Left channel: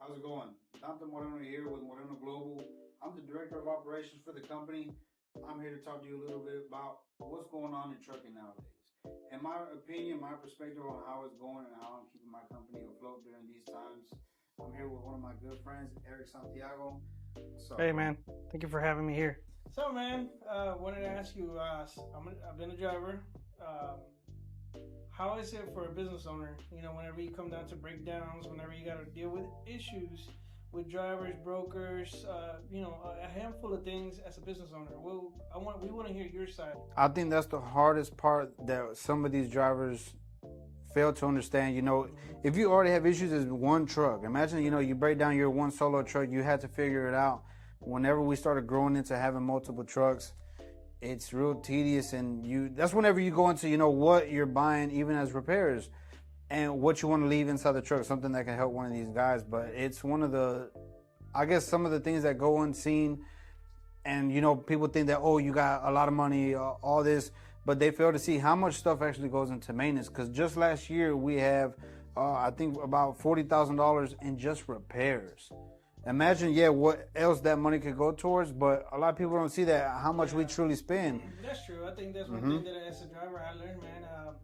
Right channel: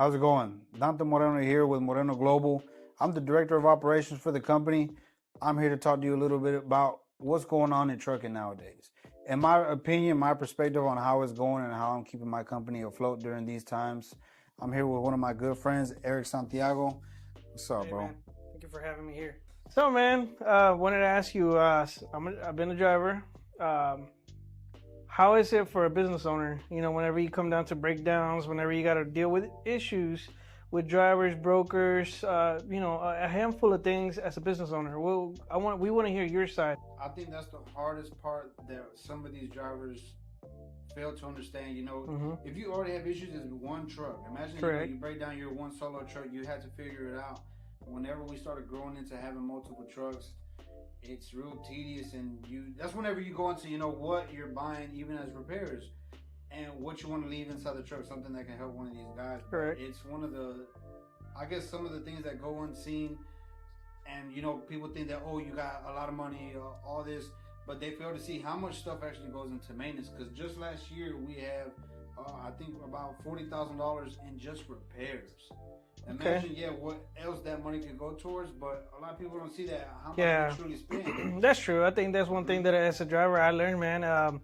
How's it going? Dante Moreno here with Moreno Global. I'm the Director of Operations for the company. I'm here to talk to you a little bit about what's going on in trucking nowadays. In my opinion, my perspective on how it's going and how I'm keeping my company afloat during these times. I'm here with one of my good friends, Eric Santiago. What's up, Hey, bro? man. Thank you for having me here. So, man, wanted to ask you, I've been a driver. How is it for a business owner? You know, whenever you come down to breakdowns, whenever you got to deal with issues with drivers, brokers, a handful of things as a business owner. We want to hear your side. I think that's the hardest part that some of these drivers fail to understand. You know, if you already have issues as one truck, imagine, Correct. you break down your one solo truck, you had to figure it out. Whenever we started growing into having multiple trucks, it's real tedious, and that's whenever you go into, what you're buying, even as repairs, and what you want to leave inside the truck, something that can help one of these guys. But Right. it's one of the, I guess, some of the things that go unseen. And, people think that, oh, you got a lot of money, all this, but they fail to see how much stuff actually goes into maintenance. Because just last year, we have, I think, about $40,000 in just repairs. Imagine, what else that money could go towards, but a lot of people don't see that, how much we truly spend. That's true. I think that's one thing that as a driver I learned, man.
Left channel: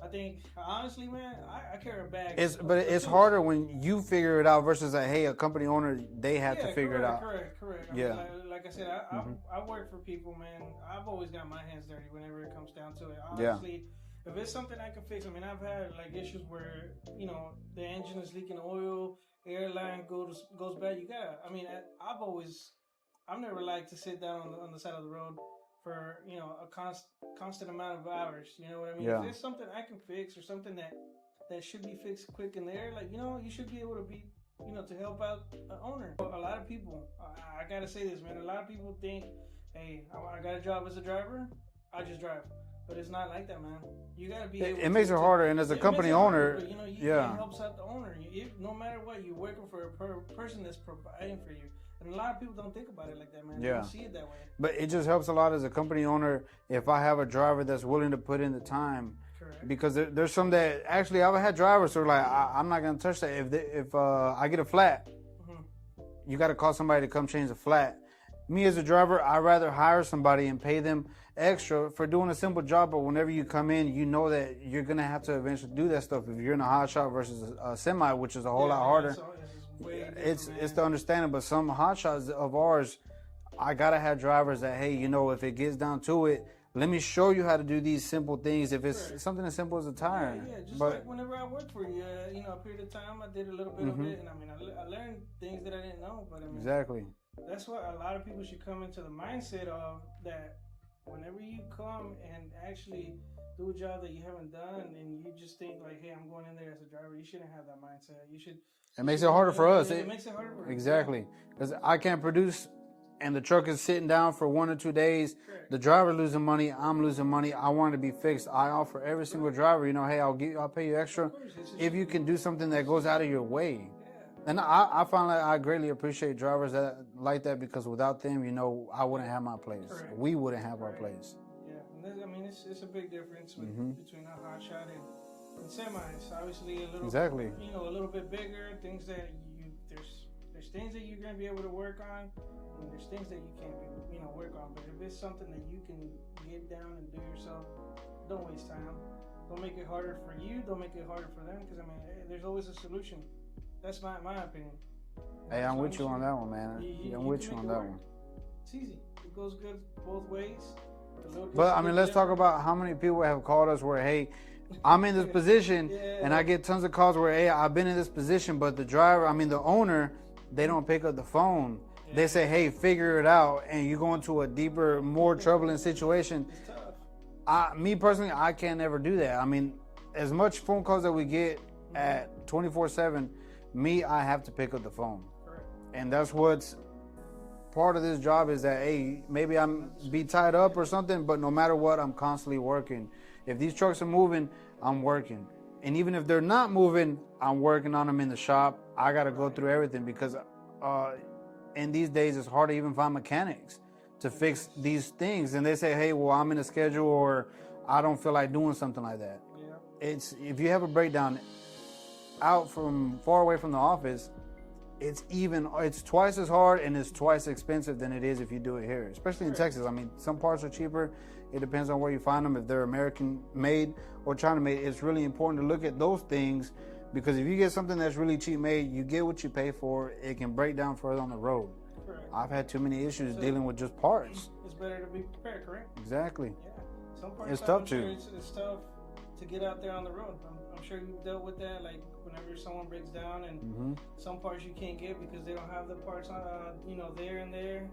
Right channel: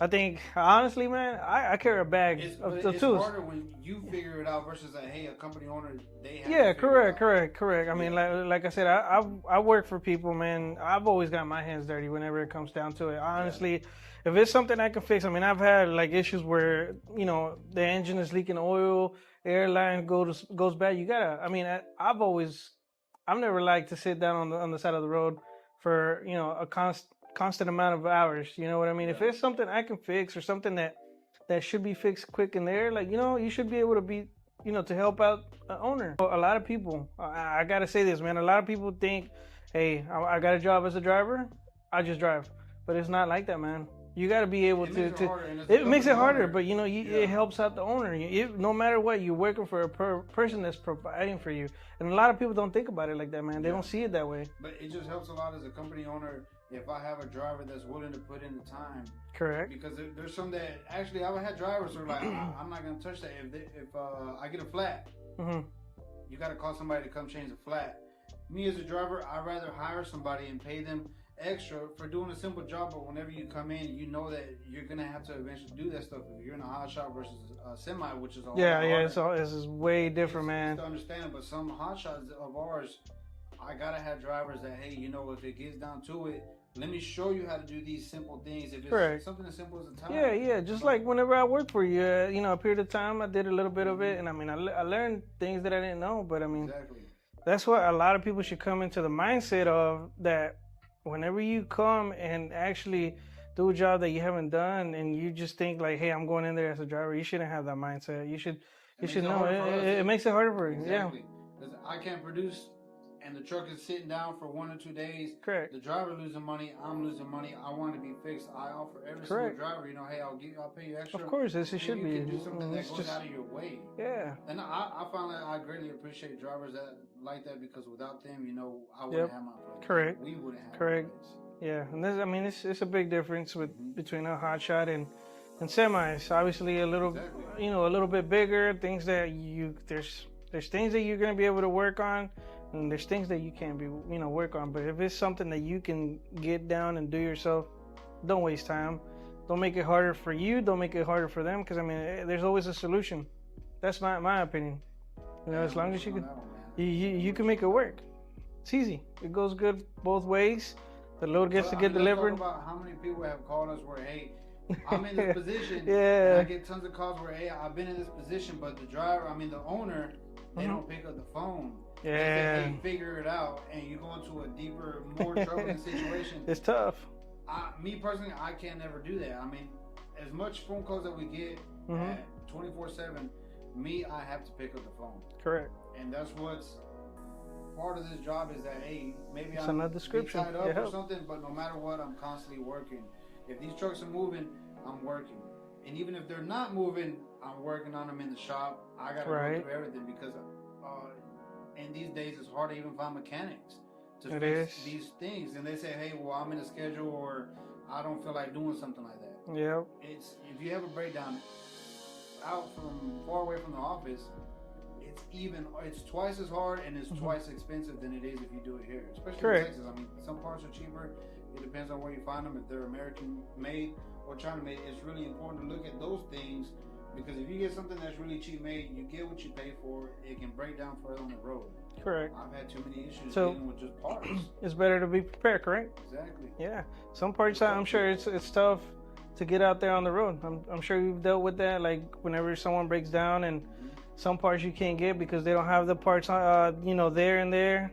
I think, honestly, man, I carry a bag. It's tools. harder when you figure it out versus a company owner, they have to figure it out. Correct. I mean, like I said, I work for people, man. I've always got my hands dirty whenever it comes down to it. Honestly, if it's something I can fix, I mean, I've had like issues where, the engine is leaking oil, airline goes bad. You gotta, I mean, I've never liked to sit down on the side of the road for, a constant amount of hours. You know what I mean? If it's something I can fix or something that should be fixed quick in there, like, you should be able to be, to help out the owner. A lot of people, I gotta say this, man, a lot of people think, hey, I got a job as a driver, I just drive. But it's not like that, man. You got to be able to. It makes it harder, and as a company makes it harder, owner, but it helps out the owner. No matter what, you're working for a person that's providing for you, and a lot of people don't think about it like that, man. They don't see it that way. But it just helps a lot as a company owner if I have a driver that's willing to put in the time. Correct. Because there's some that actually I've had drivers who are like, I'm not gonna touch that. If I get a flat, you got to call somebody to come change the flat. Me as a driver, I'd rather hire somebody and pay them extra for doing a simple job, but whenever you come in, you know that you're gonna have to eventually do that stuff. If you're in a hot shot versus a semi, which is a whole lot harder. This is way different, man. It's to understand it, but some hot shots of ours, I gotta have drivers that, hey, if it gets down to it, let me show you how to do these simple things. If it's something as simple as a tire. Just like whenever I worked for you, a period of time, I did a little bit of it, and I mean, I learned things that I didn't know, but I mean, exactly. That's what a lot of people should come into the mindset of, that whenever you come and actually do a job that you haven't done and you just think like, hey, I'm going in there as a driver, you shouldn't have that mindset. It makes it harder for us. It makes it harder for you. Exactly. Because I can't produce and the truck is sitting down for 1 or 2 days. Correct. The driver losing money, I'm losing money. I want it to be fixed. I offer every single driver, hey, I'll pay you extra. Of course, if you can do something that goes out of your way. Yeah. And I find like I greatly appreciate drivers that like that, because without them, I wouldn't have my place. Correct. We wouldn't have our place. Yeah, and it's a big difference between a hot shot and semis. Obviously, a little a little bit bigger. Things that there's things that you're gonna be able to work on, and there's things that you can't be work on. But if it's something that you can get down and do yourself, don't waste time. Don't make it harder for you. Don't make it harder for them. Because there's always a solution. That's my opinion. As long as you on that one, man. You can make it work. It's easy. It goes good both ways. The load gets to get delivered. Let's talk about how many people have called us where, hey, I'm in this position, and I get tons of calls where, hey, I've been in this position, but the driver, the owner, they don't pick up the phone. Yeah. They say, hey, figure it out, and you go into a deeper, more troubling situation. It's tough. Me personally, I can't ever do that. As much phone calls that we get at 24/7, I have to pick up the phone. Correct. And that's what's part of this job, is that, hey, maybe I'm be tied up or something, but no matter what, I'm constantly working. If these trucks are moving, I'm working. And even if they're not moving, I'm working on them in the shop. I got to go through everything, because in these days, it's hard to even find mechanics to fix these things. And they say, hey, well, I'm in a schedule, or I don't feel like doing something like that. Yeah. If you have a breakdown out from far away from the office, it's twice as hard and it's twice expensive than it is if you do it here, especially in Texas. I mean, some parts are cheaper. It depends on where you find them. If they're American made or China made, it's really important to look at those things, because if you get something that's really cheap made, you get what you pay for. It can break down further on the road. Correct. I've had too many issues dealing with just parts. It's better to be prepared, correct? Exactly. Yeah. Some parts, I'm sure it's tough to get out there on the road. I'm sure you've dealt with that, like whenever someone breaks down and some parts you can't get because they don't have the parts, there and there,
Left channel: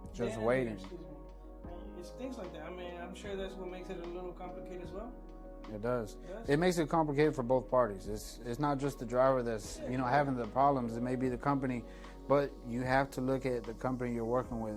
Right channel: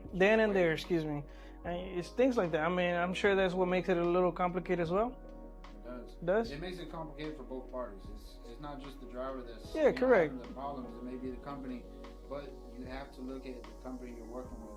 excuse me. And it's things like that. I mean, I'm sure that's what makes it a little complicated as well. It does. It makes it complicated for both parties. It's not just the driver that's having the problems. It may be the company, but you have to look at the company you're working with.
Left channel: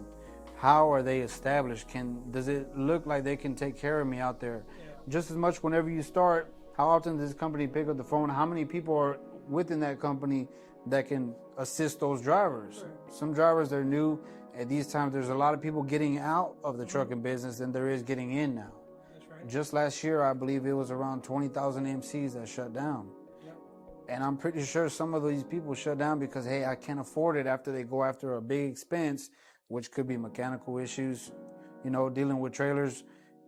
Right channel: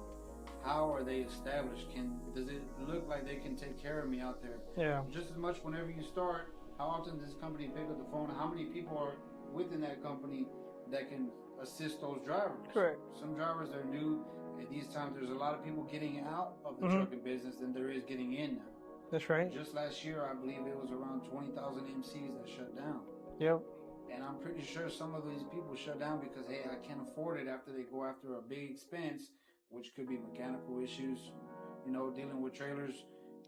How are they established? Does it look like they can take care of me out there? Yeah. Just as much whenever you start, how often does this company pick up the phone? How many people are within that company that can assist those drivers? Correct. Some drivers, they're new. At these times, there's a lot of people getting out of the trucking business than there is getting in now. That's right. Just last year, I believe it was around 20,000 MCs that shut down. Yep. And I'm pretty sure some of these people shut down because, hey, I can't afford it after they go after a big expense, which could be mechanical issues, dealing with trailers.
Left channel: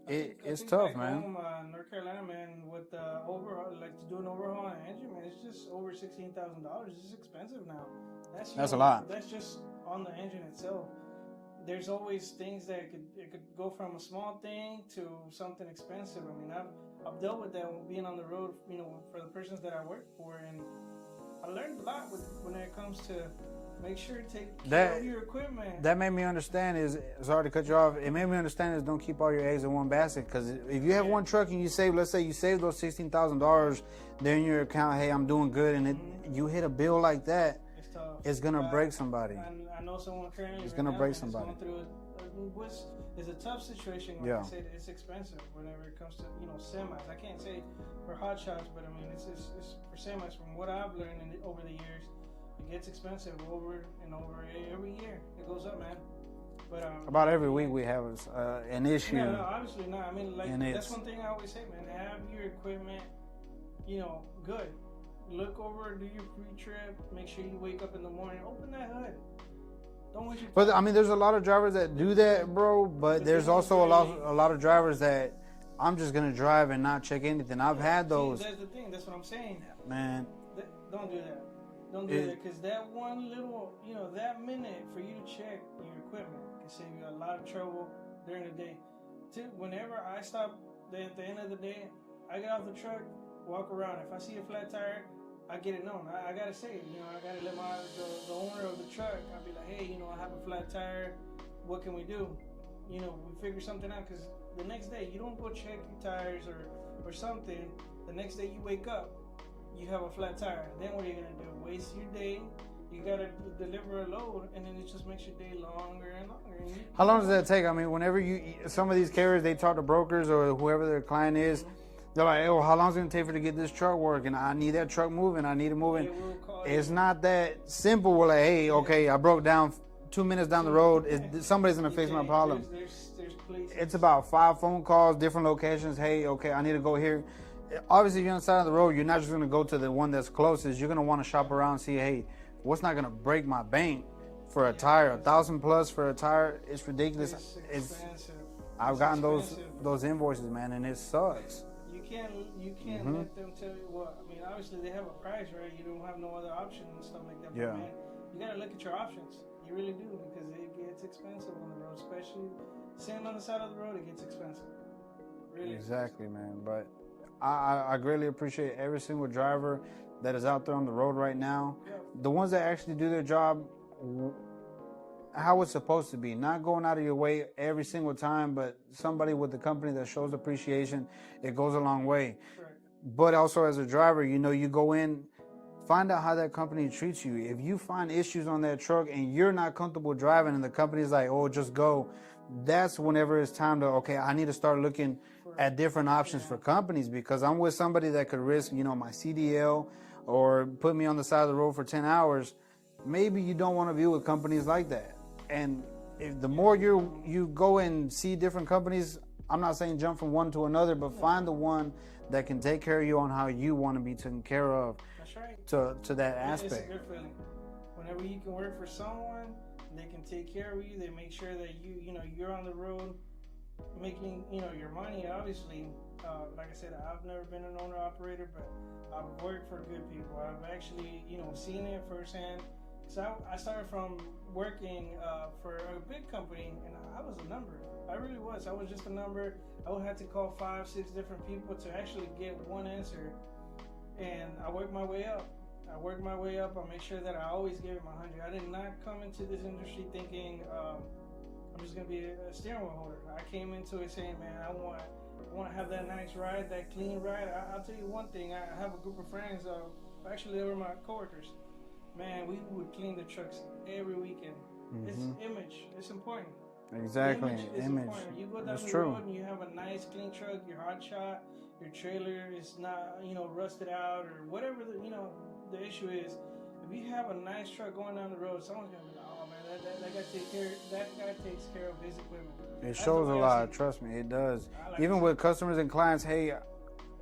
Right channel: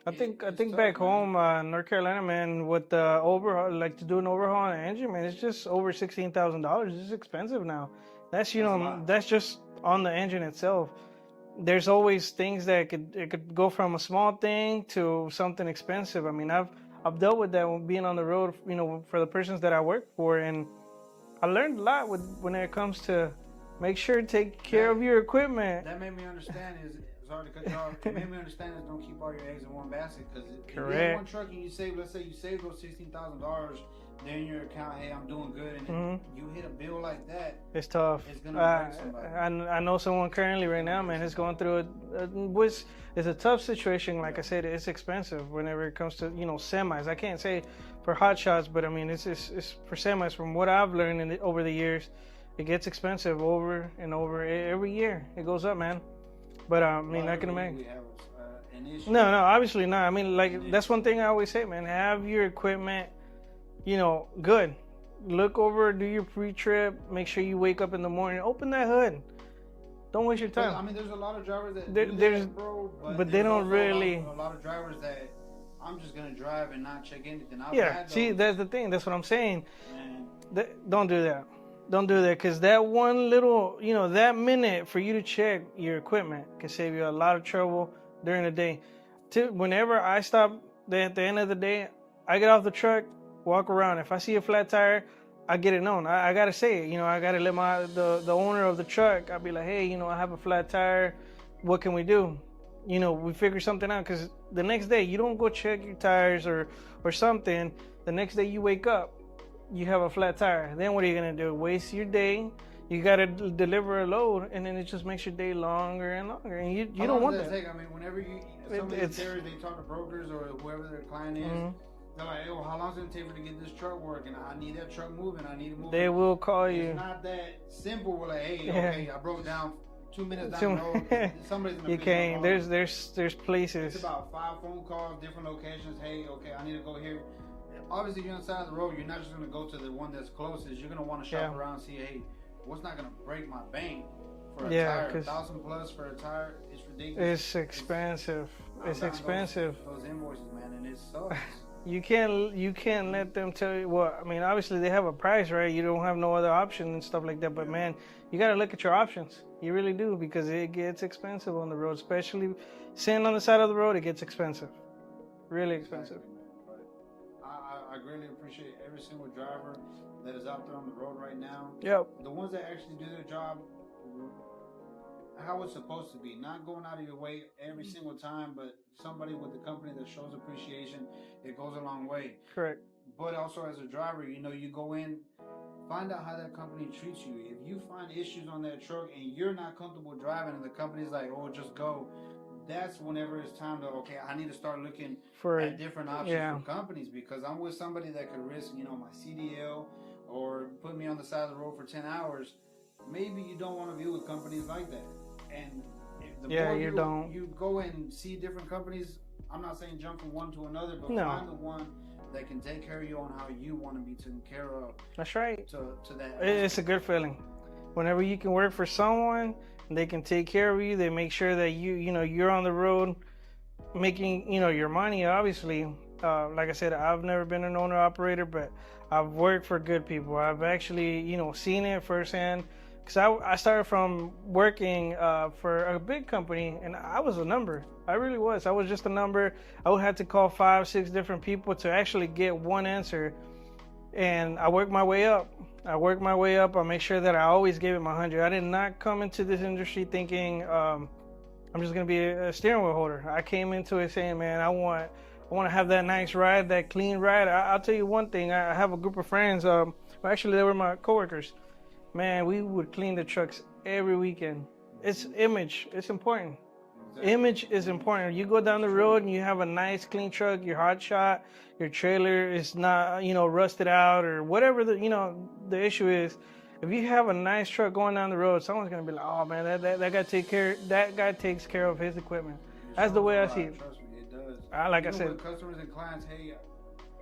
I think tough, back home, North Carolina, man, with the overhaul, like to do an overhaul on an engine, man, it's just over $16,000. It's expensive now. That's a lot. That's just on the engine itself. There's always things that it could go from a small thing to something expensive. I mean, I've dealt with that when being on the road, for the persons that I work for, and I learned a lot when it comes to make sure to take care of your equipment. That made me understand sorry to cut you off. It made me understand don't keep all your eggs in one basket, because if you have one truck and you save, let's say you save those $16,000, they're in your account, hey, I'm doing good, and you hit a bill like that, it's tough. It's gonna break somebody. I know someone currently right now, man, is going through it's a tough situation. Like I said, it's expensive whenever it comes to semis. I can't say for hot shots, but I mean it's for semis. From what I've learned over the years, it gets expensive over and over every year. It goes up, man. But about every week we have an issue. No, obviously not. I mean, that's one thing I always say, man. Have your equipment, good. Look over, do your pre-trip. Make sure you wake up in the morning. Open that hood. Don't waste your time. But I mean, there's a lot of drivers that do that, bro. But there's also a lot of drivers that I'm just gonna drive and not check anything. I've had those. See, that's the thing. That's what I'm saying. Man, don't do that. Don't do that, because that one little, that minute for you to check your equipment can save you a lot of trouble during the day. Whenever I stop at the end of the day, I get off the truck, walk around. If I see a flat tire, I get it known. I gotta say it. I gotta let the owner of the truck. I'll be like, hey, I have a flat tire. What can we do? We figure something out, because the next day you don't go check your tires or something. The next day you wake up, you have a flat tire. Then what are you gonna do? Waste your day. You gotta deliver a load, and then it just makes your day longer and longer. And how long does that take? I mean, whenever some of these carriers, they talk to brokers or whoever their client is. They're like, oh, how long is it going to take for to get this truck working? I need that truck moving. I need it moving. They will call you. It's not that simple. We're like, hey, okay, I broke down 2 minutes down the road. Somebody's going to fix my problem. There's places. It's about 5 phone calls, different locations. Hey, okay, I need to go here. Obviously, if you're on the side of the road, you're not just going to go to the one that's closest. You're going to want to shop around and see, hey, what's not going to break my bank for a tire? $1,000+ for a tire, it's ridiculous. It's expensive. I've gotten those invoices, man, and it sucks. You can't let them tell you. Well, I mean, obviously they have a price, right? You don't have no other option and stuff like that. But man, you got to look at your options. You really do, because it gets expensive on the road, especially sitting on the side of the road. It gets expensive, really expensive. Exactly, man. But I greatly appreciate every single driver that is out there on the road right now. Yep. The ones that actually do their job how it's supposed to be, not going out of your way every single time, but somebody with the company that shows appreciation, it goes a long way. Correct. But also as a driver, you go in, find out how that company treats you. If you find issues on that truck and you're not comfortable driving and the company's like, oh, just go, that's whenever it's time to, okay, I need to start looking at different options for companies, because I'm with somebody that could risk, my CDL or put me on the side of the road for 10 hours. Maybe you don't want to be with companies like that. And if the more you go and see different companies, I'm not saying jump from one to another, but find the one that can take care of you on how you want to be taken care of. That's right. To that aspect. It's a good feeling. Whenever you can work for someone, they can take care of you. They make sure that you're on the road making, your money, obviously. Like I said, I've never been an owner operator, but I've worked for good people. I've actually, seen it firsthand. Because I started from working for a big company, and I was a number. I really was. I was just a number. I would have to call 5, 6 different people to actually get one answer. And I worked my way up. I make sure that I always gave it my 100. I did not come into this industry thinking I'm just going to be a steering wheel holder. I came into it saying, man, I want to have that nice ride, that clean ride. I'll tell you one thing. I have a group of friends. Actually, they were my coworkers. Man, we would clean the trucks every weekend. Mm-hmm. It's image. It's important. Exactly. Image is important. You go down the road and you have a nice clean truck, your hot shot, your trailer is not, rusted out or whatever the issue is. If you have a nice truck going down the road, someone's gonna be like, "Oh man, that guy takes care of his equipment." That's the way I see it. Trust me, it does. Even with customers and clients, hey,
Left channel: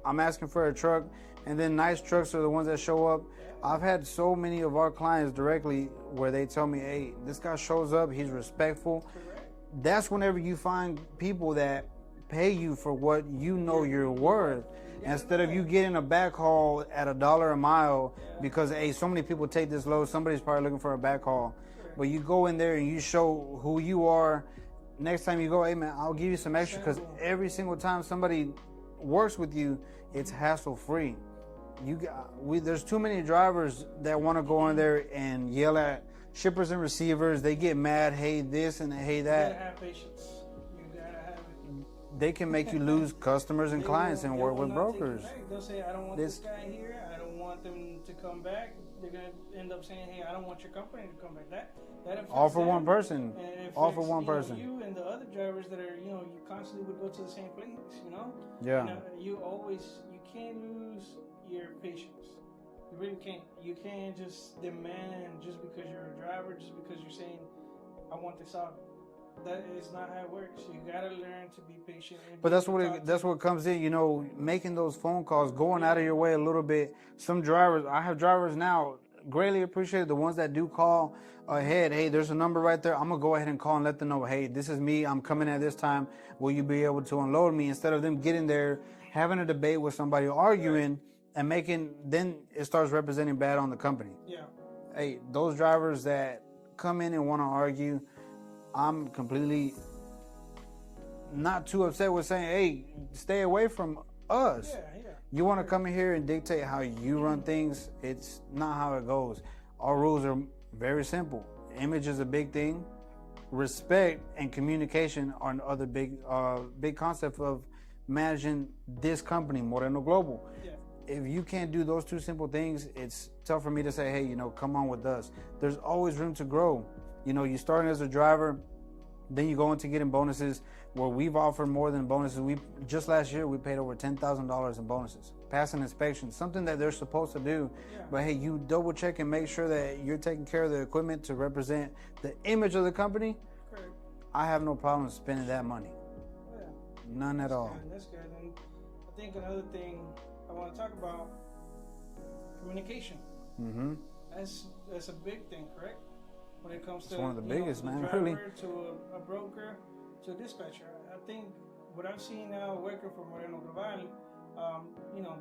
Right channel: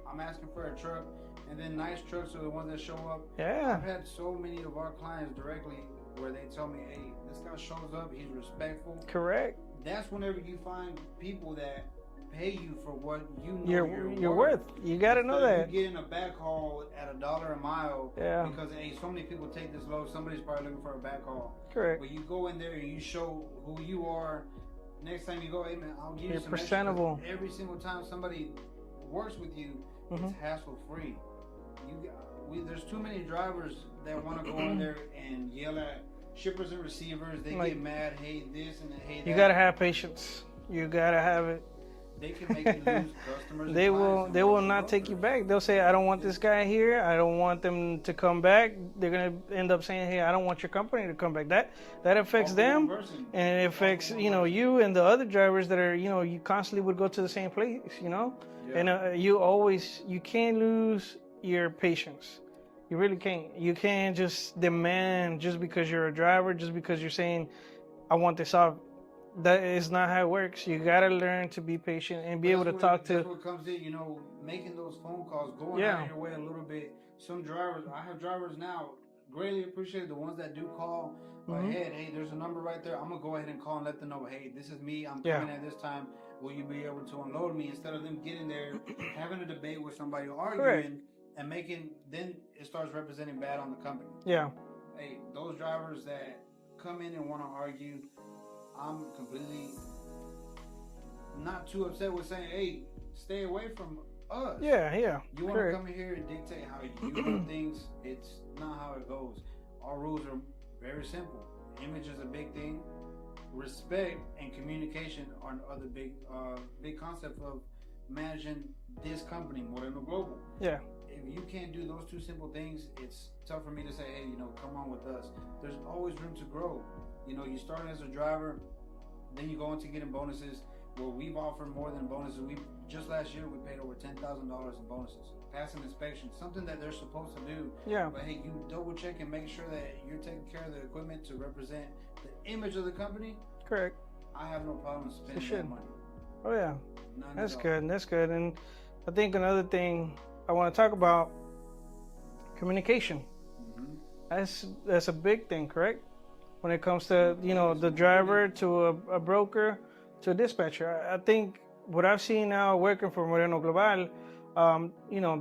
I'm asking for a truck. And then nice trucks are the ones that show up. Yeah. I've had so many of our clients directly where they tell me, hey, this guy shows up, he's respectful. Correct. That's whenever you find people that pay you for what you're worth. You got to know that. Instead of you getting a backhaul at $1 a mile because, hey, so many people take this load, somebody's probably looking for a backhaul. Correct. But you go in there and you show who you are. Next time you go, hey, man, I'll give you some extra. Because every single time somebody works with you, it's hassle-free. There's too many drivers that want to go in there and yell at shippers and receivers. They get mad, hey this and hey that. You gotta have patience. You gotta have it. They can make you lose customers and clients. They will not take you back. They'll say, I don't want this guy here. I don't want them to come back. They're gonna end up saying, hey, I don't want your company to come back. That affects them. One person. And it affects you and the other drivers that are you constantly would go to the same place. Yeah. And you can't lose your patience. You really can't. You can't just demand just because you're a driver, just because you're saying, I want this off. That is not how it works. You gotta learn to be patient and be able to talk to. That's what comes in, making those phone calls, going out of your way a little bit. Some drivers, I have drivers now, greatly appreciate the ones that do call ahead. Hey, there's a number right there. I'm gonna go ahead and call and let them know, hey, this is me. I'm coming at this time. Will you be able to unload me? Instead of them getting there, having a debate with somebody, arguing. And then it starts representing bad on the company. Yeah. Hey, those drivers that come in and want to argue, I'm completely not too upset with saying, hey, stay away from us. Yeah. You want to come in here and dictate how you run things? It's not how it goes. Our rules are very simple. Image is a big thing. Respect and communication are another big concept of managing this company, Moreno Global. Yeah. If you can't do those two simple things, it's tough for me to say, hey, come on with us. There's always room to grow. You starting as a driver, then you go into getting bonuses where we've offered more than bonuses. Just last year, we paid over $10,000 in bonuses. Passing inspection, something that they're supposed to do. Yeah. But hey, you double check and make sure that you're taking care of the equipment to represent the image of the company. Correct. I have no problem spending that money. Oh, yeah. None at all. That's good. And I think another thing I want to talk about, communication. Mm-hmm. That's a big thing, correct? When it comes to the driver to a broker to a dispatcher. I think what I've seen now working for Moreno Global,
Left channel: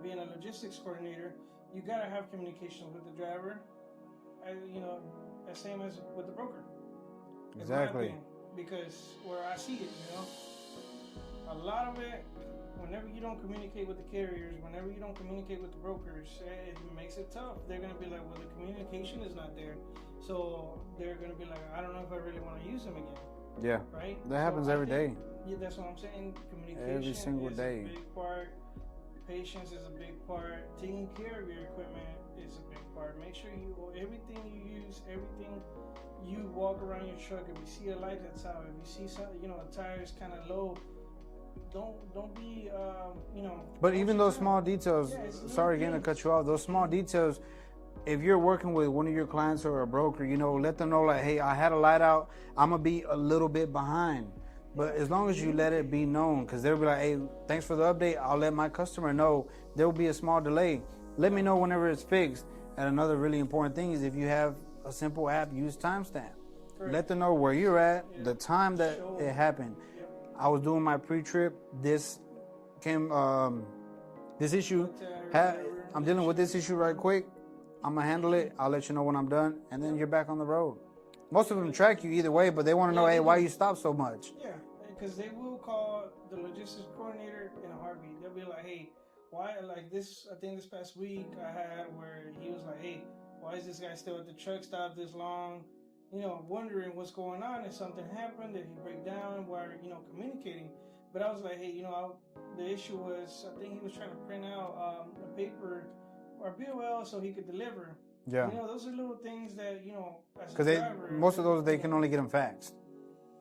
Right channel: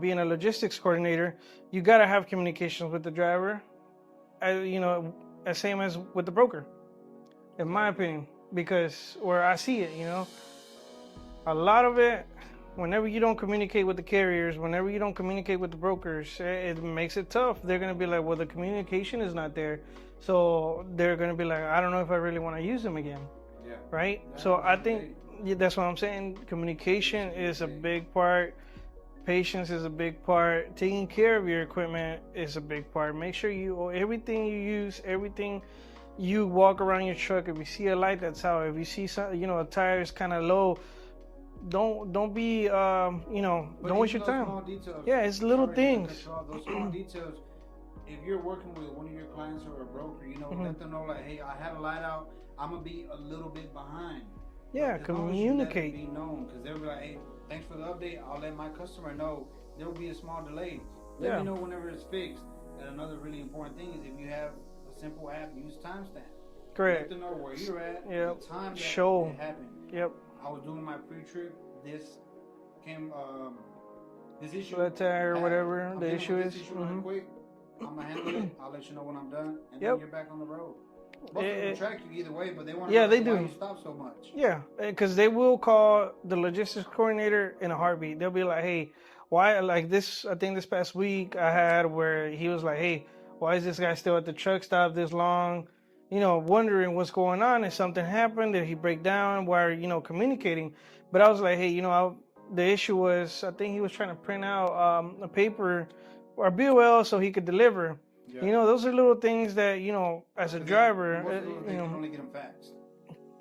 being a logistics coordinator, you gotta have communications with the driver, as same as with the broker, in my opinion, because where I see it, a lot of it. Whenever you don't communicate with the carriers, whenever you don't communicate with the brokers, it makes it tough. They're going to be like, well, the communication is not there. So they're going to be like, I don't know if I really want to use them again. Yeah. Right? So I think that's what I'm saying. Communication is a big part. Patience is a big part. Taking care of your equipment is a big part. Make sure everything you use, everything you walk around your truck, if you see a light that's out, if you see a tire is kind of low, don't be But even those small details. Yeah, it's little things. To cut you off. Those small details. If you're working with one of your clients or a broker, let them know like, hey, I had a light out. I'm gonna be a little bit behind. But as long as you let it be known, because they'll be like, hey, thanks for the update. I'll let my customer know. There will be a small delay. Let me know whenever it's fixed. And another really important thing is if you have a simple app. Use timestamp. Correct. Let them know where you're at, the time that it happened. Yep. I was doing my pre-trip. This came, this issue. Whatever. I'm dealing with this issue right quick. I'm gonna handle it. I'll let you know when I'm done, and then you're back on the road. Most of them track you either way, but they want to know why you stop so much. Yeah, because they will call the logistics coordinator in a heartbeat. They'll be like, "Hey, why like this? I think this past week I had where he was like, "Hey, why is this guy still at the truck stop this long?" You know, wondering what's going on. If something happened, did he break down? Why are communicating? But I was like, "Hey, the issue was I think he was trying to print out a paper or BOL so he could deliver." Yeah. Those are little things that, as a driver. Most of those, they can only get them faxed.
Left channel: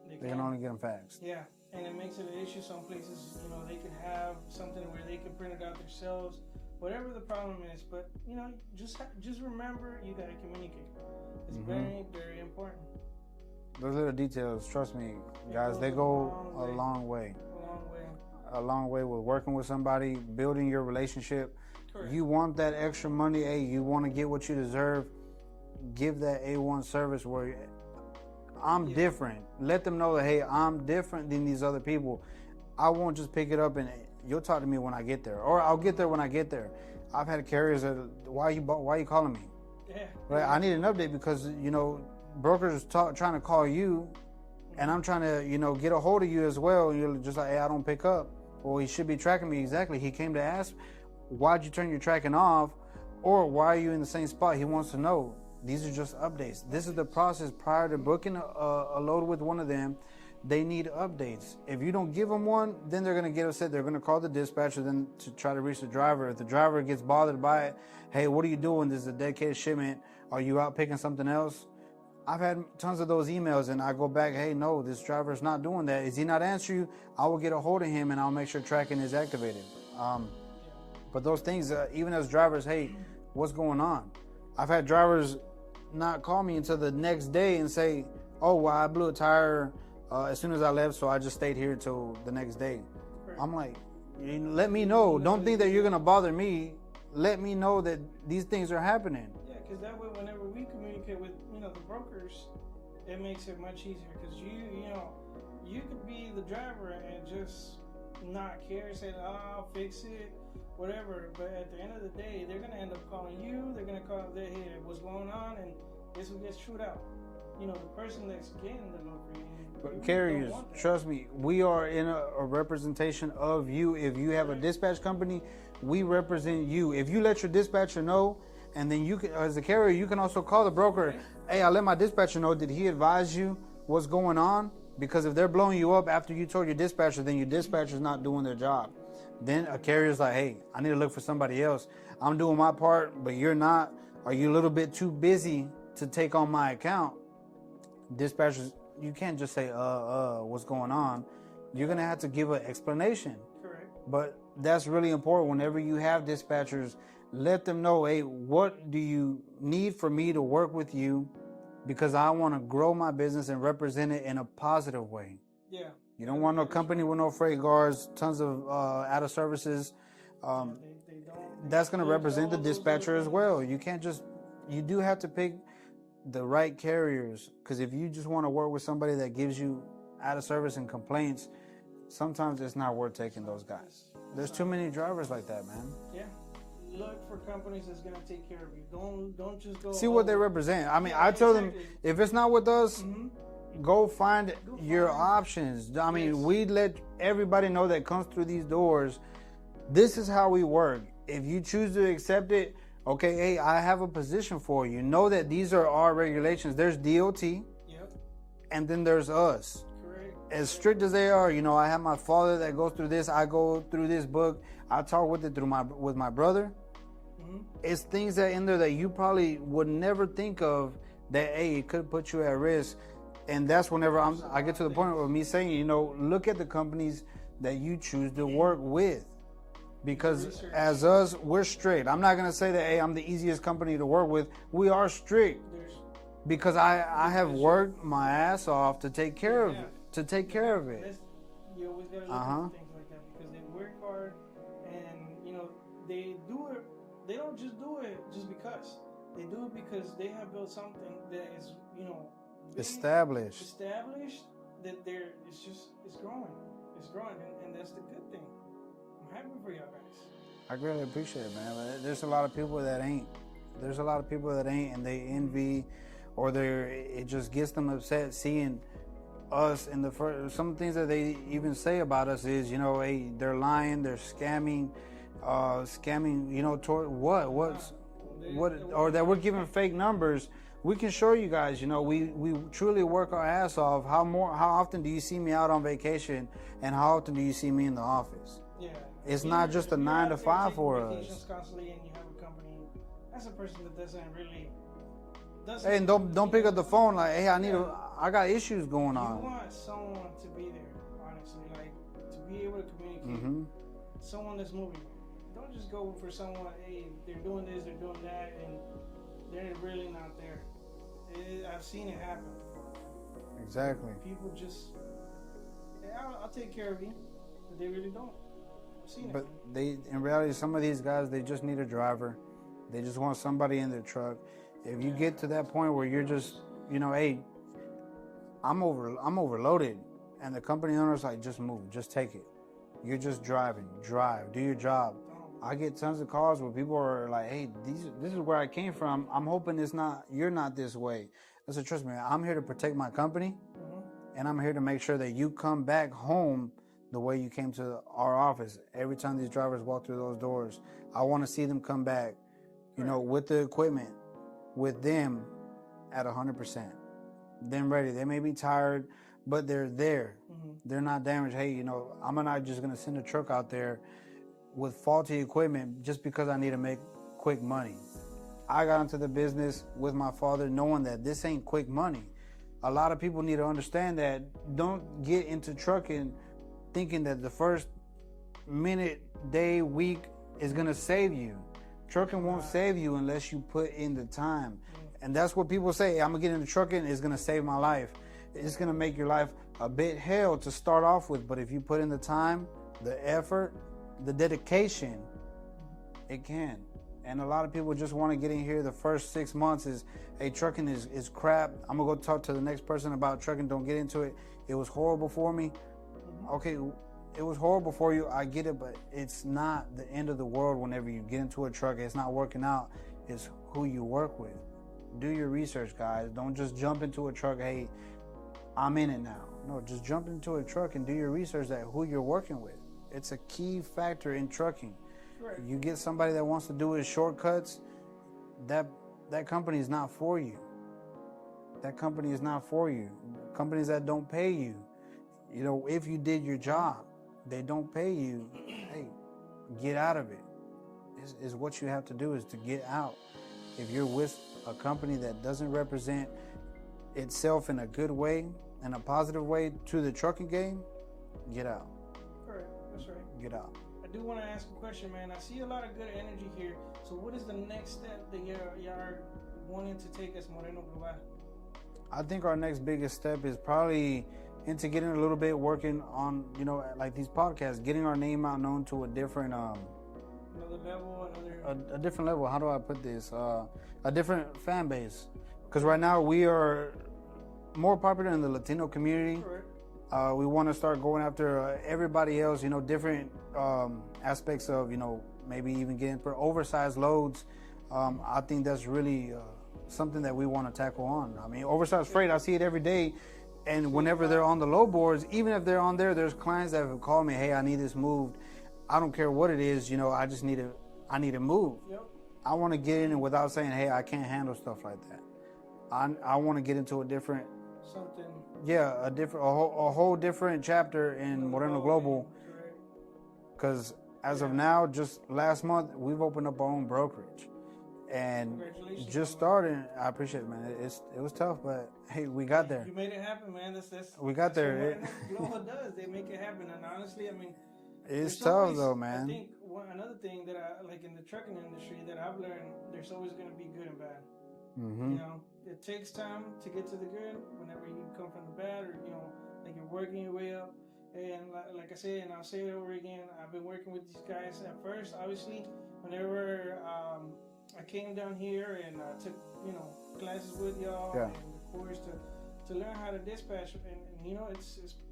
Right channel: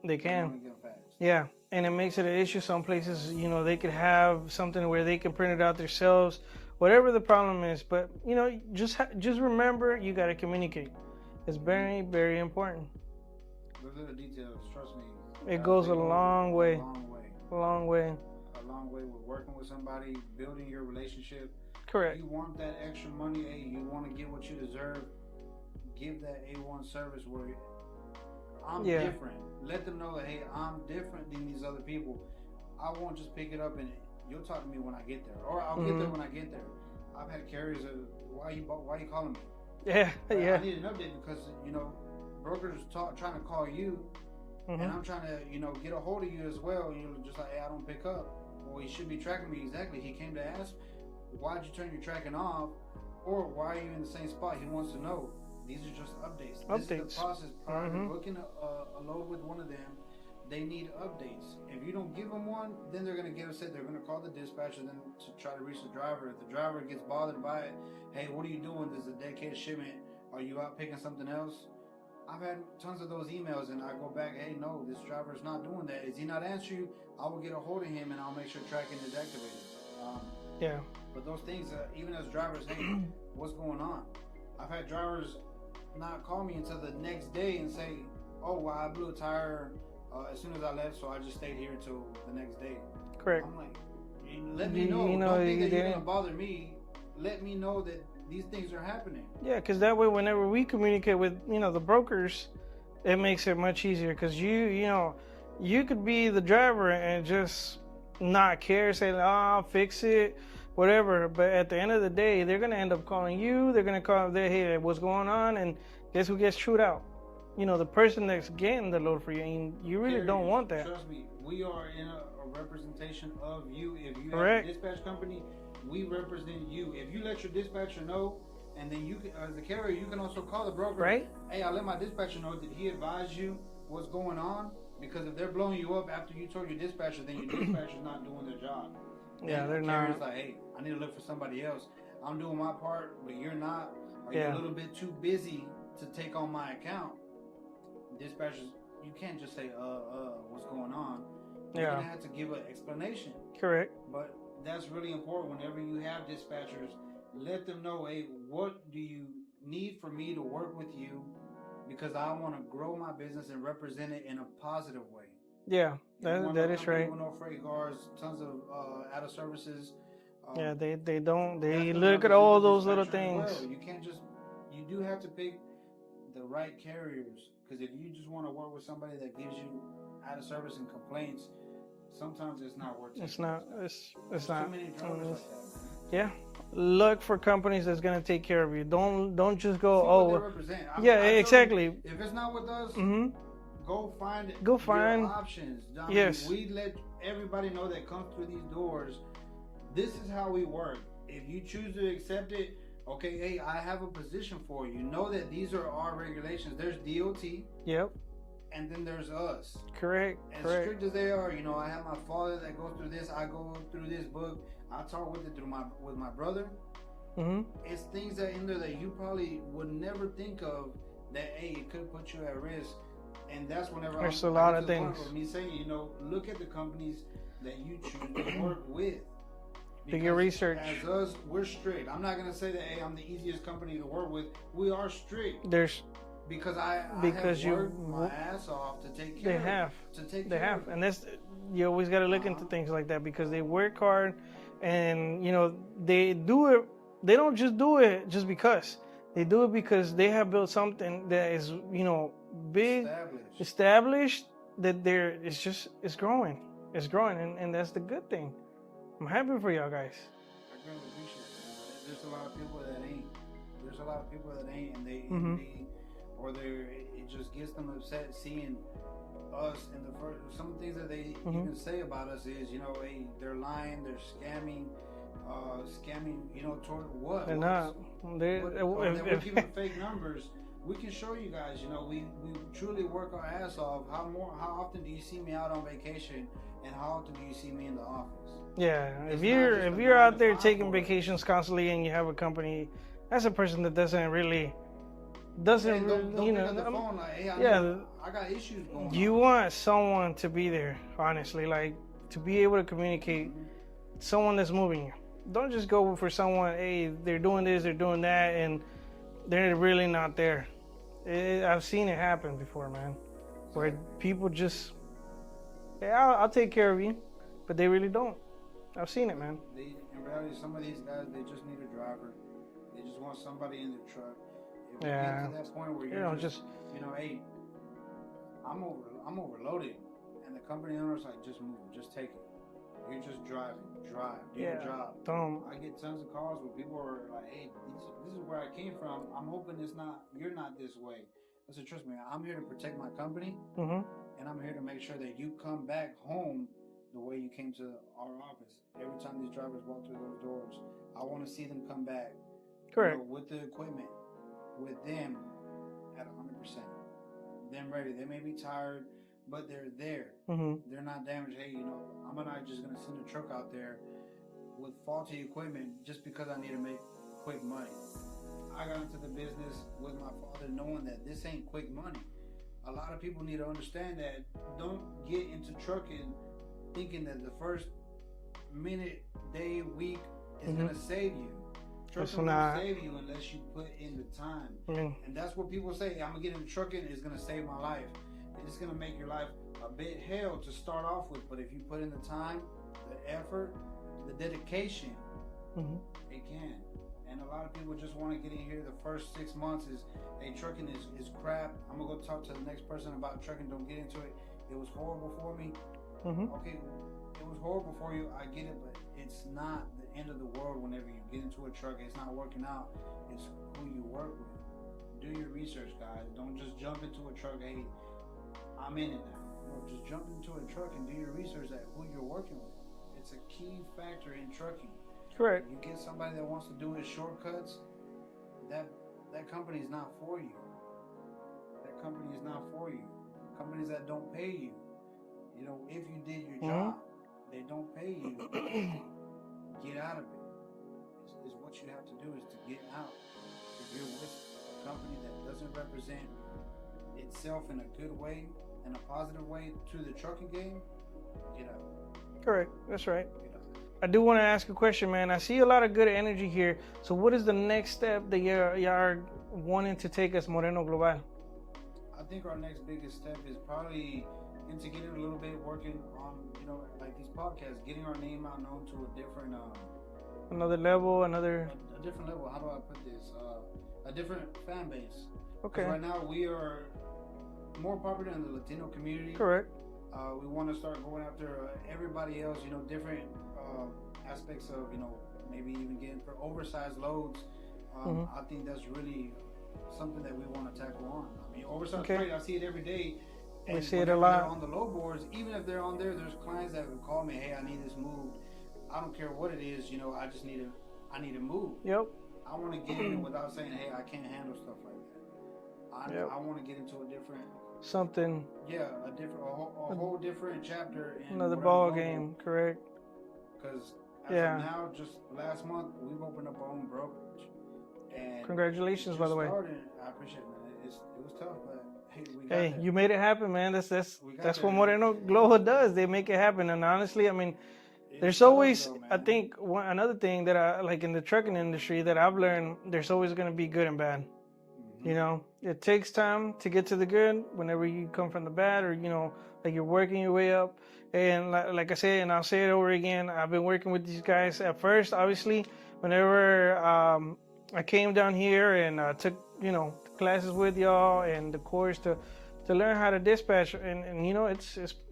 They can only get them faxed. Yeah. And it makes it an issue. Some places, they could have something where they can print it out themselves, whatever the problem is. But, just remember, you got to communicate. It's very, very important. Those little details, trust me. It goes a long way. A long way. A long way. A long way with working with somebody, building your relationship. Correct. You want that extra money, you want to get what you deserve, give that A1 service where I'm different. Let them know that, hey, I'm different than these other people. I won't just pick it up and you'll talk to me when I get there, or I'll get there when I get there. I've had carriers that, why are you calling me? Yeah. I need an update because, brokers trying to call you and I'm trying to, get a hold of you as well. And you're just like, hey, I don't pick up. Well, he should be tracking me. Exactly. He came to ask, why'd you turn your tracking off? Or why are you in the same spot? He wants to know. These are just updates. This is the process prior to booking a load with one of them. They need updates. If you don't give them one, then they're going to get upset. They're going to call the dispatcher then to try to reach the driver. If the driver gets bothered by it, hey, what are you doing? This is a dedicated shipment. Are you out picking something else? I've had tons of those emails and I go back, hey, no, this driver's not doing that. Is he not answering you? I will get a hold of him and I'll make sure tracking is activated. Yeah. But those things, even as drivers, hey, what's going on? I've had drivers not call me until the next day and say, oh, well, I blew a tire as soon as I left, so I just stayed here till the next day. Correct. I'm like, let me know. Don't think that you're going to bother me. Let me know that these things are happening. Yeah, because that way, whenever we communicate with, the brokers, it makes it much easier because you could be the driver and just not care, say, I'll fix it, whatever. But at the end of the day, they're going to end up calling you. They're going to call, hey, what's going on? And guess who gets chewed out? The person that's getting the load for you. And you really Carriers, don't want that. Trust me, we are in a representation of you. If you have a dispatch company, we represent you. If you let your dispatcher know, and then you can, as a carrier, you can also call the broker. Right. Hey, I let my dispatcher know. Did he advise you what's going on? Because if they're blowing you up after you told your dispatcher, then your dispatcher's not doing their job. Then a carrier's like, hey, I need to look for somebody else. I'm doing my part, but you're not. Are you a little bit too busy to take on my account? Dispatchers, you can't just say, what's going on? You're going to have to give an explanation. Correct. But that's really important. Whenever you have dispatchers, let them know, hey, what do you need for me to work with you? Because I want to grow my business and represent it in a positive way. Yeah. You don't want no company with no freight guards, tons of out of services. They don't. They that's going to represent all the dispatcher as well. You can't just. You do have to pick the right carriers, because if you just want to work with somebody that gives you out of service and complaints, sometimes it's not worth taking those guys. There's too many drivers like that, man. Yeah. Look for companies that's going to take care of you. Don't just go. See what they represent. I mean, exactly. Them, if it's not with us, go find your options. I mean, we let everybody know that comes through these doors. This is how we work. If you choose to accept it, okay, hey, I have a position for you. Know that these are our regulations. There's DOT. Yep. And then there's us. Correct. As strict as they are, I have my father that goes through this. I go through this book. I talk with it with my brother. Mm-hmm. It's things that in there that you probably would never think of that, hey, it could put you at risk. And that's whenever I get to the point of me saying, look at the companies that you choose to work with. Because as us, we're strict. I'm not going to say that, hey, I'm the easiest company to work with. We are strict. Because I have worked my ass off to take care of it. And that's, you always got to look into things like that because they work hard and, they do it. They don't just do it just because. They do it because they have built something that is, big, established. That it's growing, and that's the good thing. I'm happy for y'all guys. I really appreciate it, man. There's a lot of people that ain't. There's a lot of people that ain't, and they envy, or it just gets them upset seeing us in the first. Some things that they even say about us is, hey, they're lying, they're scamming, toward what? Or that we're giving fake numbers. We can show you guys, we truly work our ass off. How often do you see me out on vacation, and how often do you see me in the office? Yeah, it's if you're out there taking vacations constantly and you have a company, that's a person that doesn't. And don't pick up the phone like, hey, I got issues going on. You want someone to be there, honestly, like to be able to communicate. Someone that's moving you. Don't just go for someone. Hey, they're doing this, they're doing that, and they're really not there. I've seen it happen before, man. Exactly. Where people just, I'll take care of you, but they really don't. I've seen it, man. In reality, some of these guys, they just need a driver. They just want somebody in their truck. If you get to that point where you're just hey, I'm overloaded, and the company owner's like, just move, just take it. You're just drive, do your job. I get tons of calls where people are like, hey, this is where I came from. I'm hoping you're not this way. I said, trust me, I'm here to protect my company, and I'm here to make sure that you come back home the way you came to our office. Every time these drivers walk through those doors, I want to see them come back, with the equipment, with them at 100%. Them ready. They may be tired, but they're there. They're not damaged. Hey, I'm not just going to send a truck out there with faulty equipment just because I need to make quick money. I got into the business with my father knowing that this ain't quick money. A lot of people need to understand that. Don't get into trucking thinking that the first minute, day, week is going to save you. Trucking won't save you unless you put in the time. And that's what people say. I'm going to get into trucking. It's going to save my life. It's going to make your life a bit hell to start off with. But if you put in the time, the effort, the dedication, it can. And a lot of people just want to get in here. The first 6 months is, hey, trucking is crap. I'm going to go talk to the next person about trucking. Don't get into it. It was horrible for me. Okay, it was horrible for you. I get it, but it's not the end of the world whenever you get into a truck. It's not working out. It's who you work with. Do your research, guys. Don't just jump into a truck. Hey, I'm in it now. No, just jump into a truck and do your research at who you're working with. It's a key factor in trucking. Correct. You get somebody that wants to do his shortcuts, that company is not for you. That company is not for you. Companies that don't pay you, if you did your job, they don't pay you. Hey, get out of it. Is what you have to do is to get out. If you're with a company that doesn't represent itself in a good way, in a positive way to the trucking game, get out. Correct. That's right. Get out. I do want to ask a question, man. I see a lot of good energy here. So what is the next step that y'all are wanting to take as Moreno Global? I think our next biggest step is probably into getting a little bit working on, like these podcasts, getting our name out known to a different... another level, a different level. How do I put this? A different fan base. Because right now we are more popular in the Latino community. Correct. We want to start going after everybody else, different aspects of, maybe even getting for oversized loads. I think that's really something that we want to tackle on. I mean, oversized freight, I see it every day. And whenever they're on the low boards, even if they're on there's clients that have called me, hey, I need this moved. I don't care what it is, I just need it moved. Yep. I want to get in it without saying, hey, I can't handle stuff like that. I want to get into a different... Something. Yeah, a whole different chapter in Moreno Global. Game, correct. Because as of now, just last month, we've opened up our own brokerage. And congratulations, just by the way. starting. I appreciate it, man. It was tough, but hey, we got there. You made it happen, man. That's we got that's there. what Moreno Global does. They make it happen. And honestly, I mean, there's tough, always, though, man. I think, another thing that I like in the trucking industry that I've learned, there's always going to be good and bad. It takes time to get to the good whenever you come from the bad, or, like you're working your way up. And like I said, and I'll say it over again, I've been working with these guys at first, obviously, whenever I came down here and took classes with y'all and the course to learn how to dispatch, and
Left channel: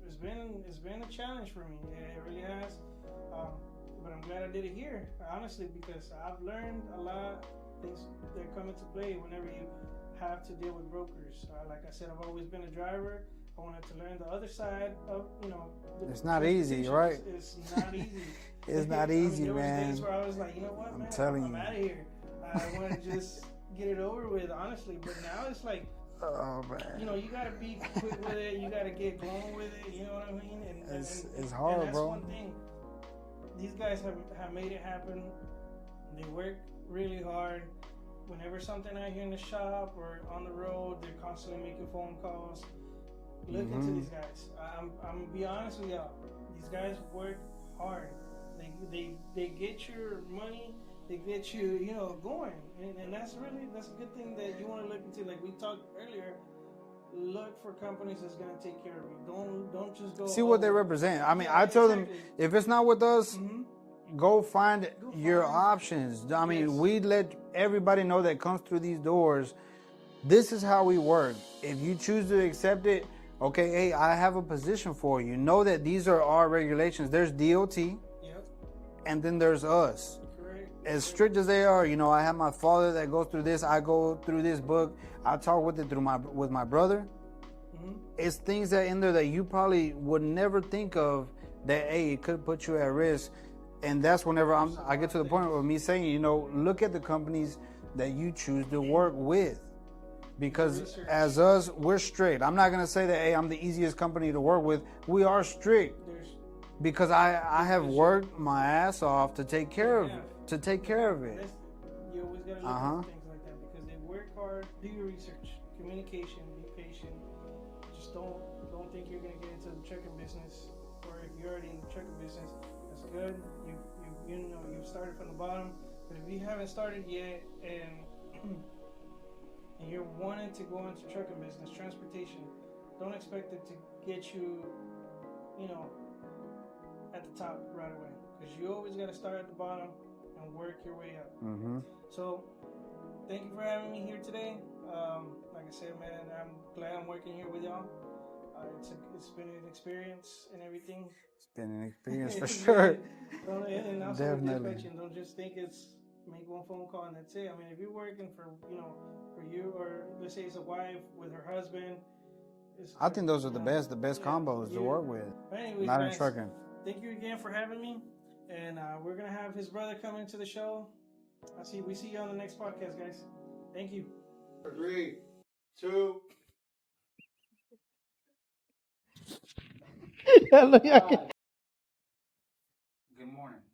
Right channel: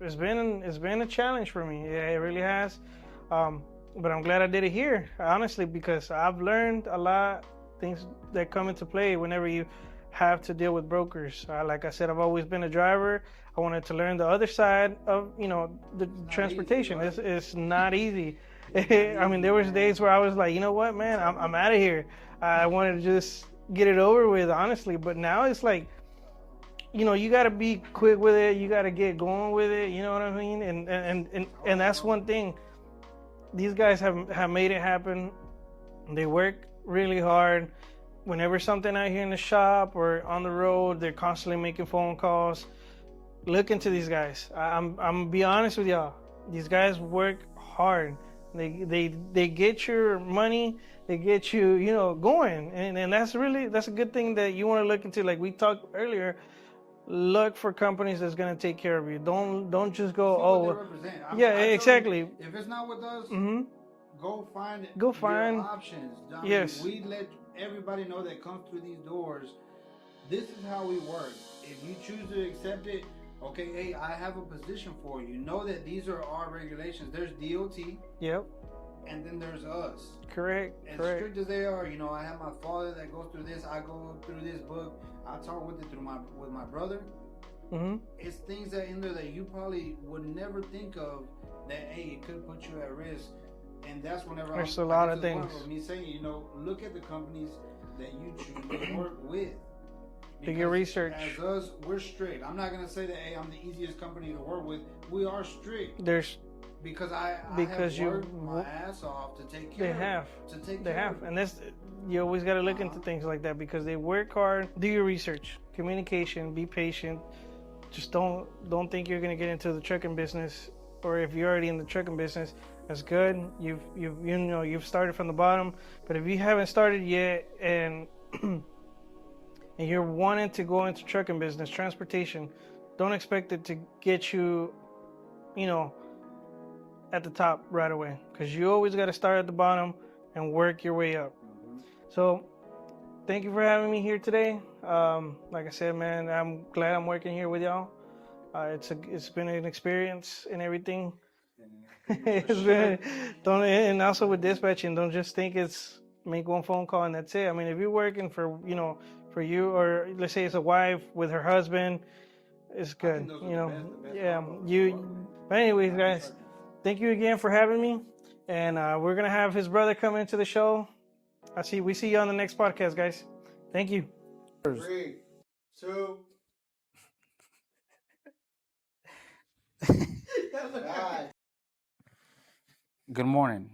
it's been a challenge for me. Yeah, it really has. But I'm glad I did it here, honestly, because I've learned a lot things that come into play whenever you have to deal with brokers. Like I said, I've always been a driver. I wanted to learn the other side of the transportation. Easy, right? It's not easy. It's not easy, I mean, there was days where I was like, you know what, man, I'm out of here. I wanted to just get it over with, honestly. But now it's like, you got to be quick with it. You got to get going with it. You know what I mean? And hard, that's bro. One thing. These guys have made it happen. They work really hard. Whenever something out here in the shop or on the road, they're constantly making phone calls. Look into these guys. I'm gonna be honest with y'all. These guys work hard. They get your money. They get you going, and that's a good thing that you want to look into. Like we talked earlier, look for companies that's gonna take care of you. Don't just go see what they represent. I mean, exactly. Them, if it's not with us, go find your options. I mean, we let everybody know that comes through these doors. This is how we work. If you choose to accept it, okay, hey, I have a position for you. Know that these are our regulations. There's DOT. Yep. And then there's us. Correct. As strict as they are, I have my father that goes through this. I go through this book. I talk with it with my brother. It's things that in there that you probably would never think of that, hey, it could put you at risk. And that's whenever I get to the point of me saying, look at the companies that you choose to work with. Because as us, we're strict. I'm not going to say that, hey, I'm the easiest company to work with. We are strict. Because I have worked my ass off to take care of it. And you always got to look into things like that because they work hard. Do your research, communication, be patient. Just don't think you're going to get into the trucking business, or if you're already in the trucking business, that's good. You've started from the bottom. But if you haven't started yet and and you're wanting to go into trucking business, transportation, don't expect it to get you, at the top right away, because you always got to start at the bottom and work your way up. So thank you for having me here today. Like I said, man, I'm glad I'm working here with y'all. It's been an experience and everything. It's been an experience for sure. And also with dispatching, don't just think it's make one phone call and that's it. I mean, if you're working for you, or let's say it's a wife with her husband, it's good. I think those are the best combos to work with. But anyways, guys, thank you again for having me, and we're gonna have his brother come into the show. We see you on the next podcast, guys. Thank you. 3, 2. Good morning.